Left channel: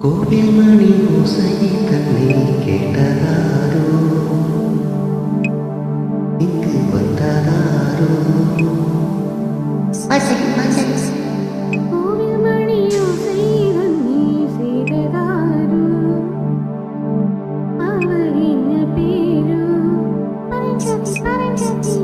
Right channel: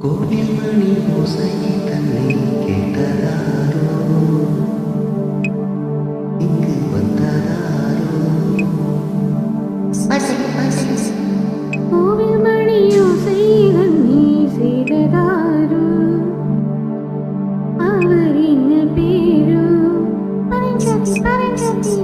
கோவில் மணி ஓசை தன்னை கேட்டதாரோ, இங்கு வந்ததாரோ. கோவில் மணி ஓசை தன்னை செய்ததாரோ, அவர் என்ன பேரு? பரஞ்சோதி பரஞ்சோதி.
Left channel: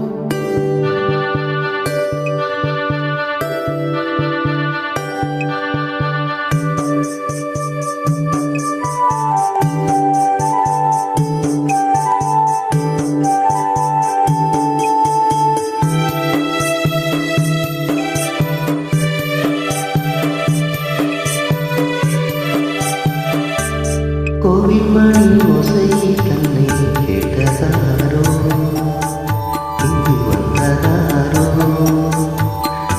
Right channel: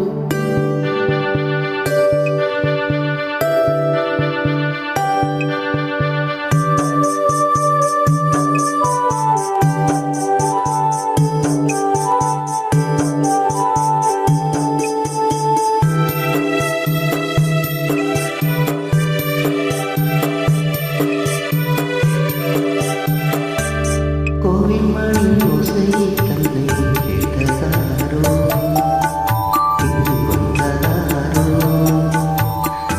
கோவில் மணி ஓசை தன்னை கேட்டதாரோ, இங்கு வந்ததாரோ.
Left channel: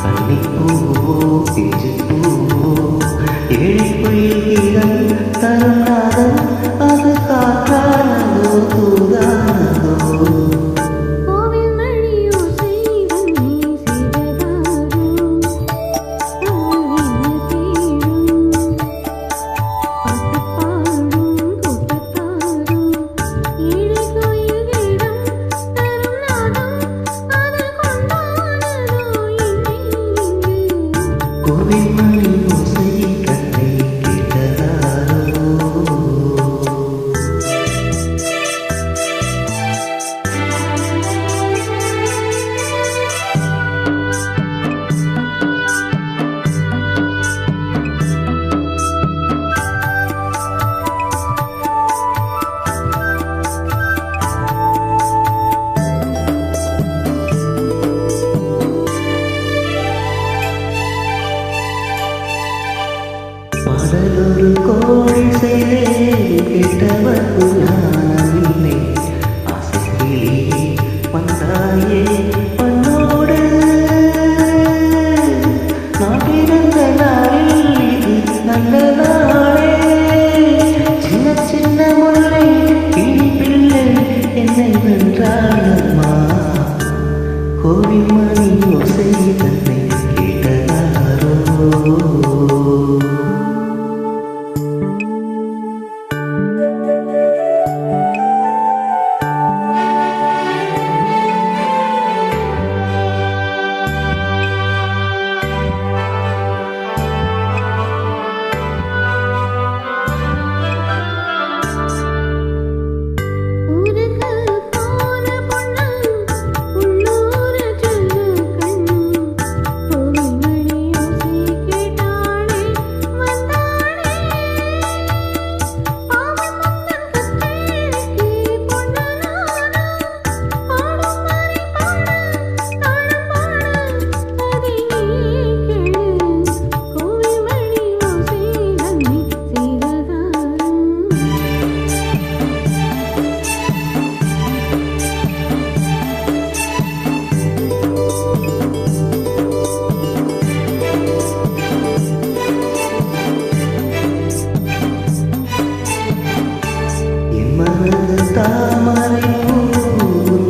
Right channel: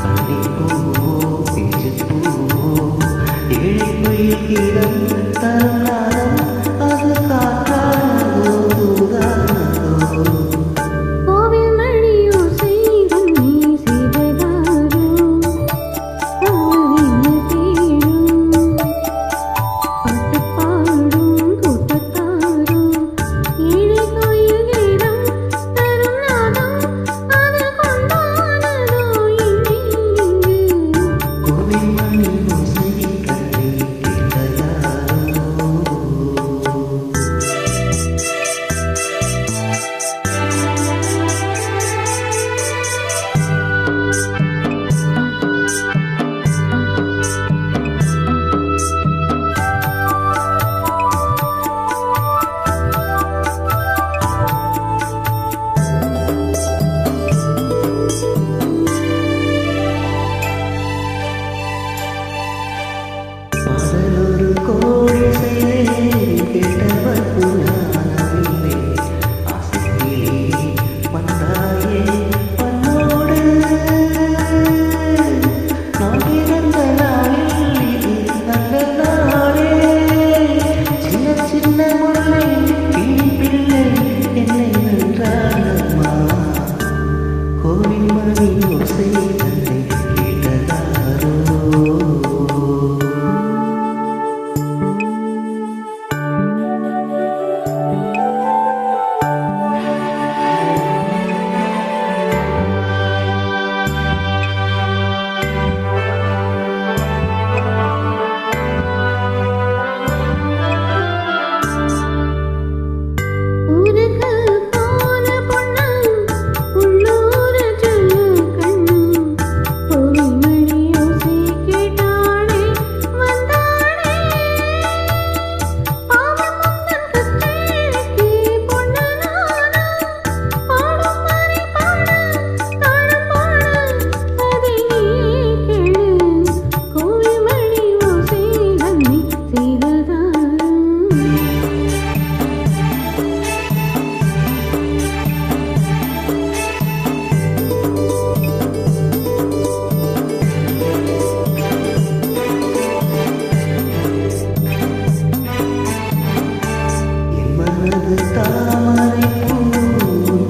கன்னிப்பூவோ பிஞ்சு பூவோ ஏழை கோயில் கீதம் தரும் நாதம், அது காற்றானதோ தூதானதோ. கோவில் மணி ஓசை தன்னை செய்ததாரோ, அவர் என்ன பேரு? பாட்டு பாடும் கூட்டத்தாரோ, ஏழை கோயில் கீதம் தரும் நாதம், அது கொண்டானதோ என்னை இங்கு. கோவில் மணி ஓசை தன்னை கேட்டதாரோ. பாடலொரு கோடி செய்தேன், கேட்டவர்க்கு ஞானமில்லை. ஆசைக்கிளியே வந்தாயே பண்ணோடு, நான் பிறந்த நாளில் இது நல்ல நாளே. சின்ன சின்ன முல்லை கிளி பிள்ளை என்னை வென்றாளம்மா. கோவில் மணி ஓசை தன்னை கேட்டதாரோ. ஊருக்கு போன பொண்ணு உள்ளூர சொல்லு கண்ணு, கோவில் மணி ஓசை கேட்டாளே வந்தாளே. பாவம் முந்தன் கச்சேரிக்கு பொண்ணு நானா, பாடும் மாதிரி பாடு தாளம் பாடு, அதை நீ கேளு. கோவில் மணி ஓசை தன்னை செய்ததாரோ. என் மனது தாமரை பூ,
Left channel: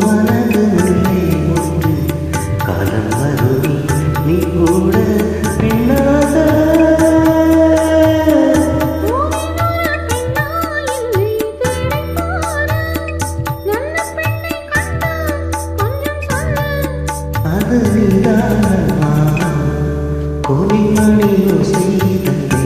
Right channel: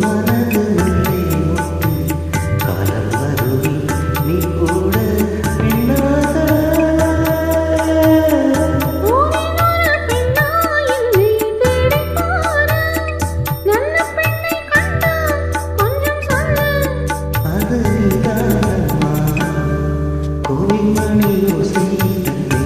மனது முல்லை மொட்டு. காலம் வருவி நீ கூட பின்னாக. ஊரினொரு பெண்ணா என்னை தேடிப் பாரு, நல்ல பெண்ணை கண்டால் கொஞ்சம் சொல்லு. அது நீதானம்மா. கோவில் மணி ஓசை தன்னை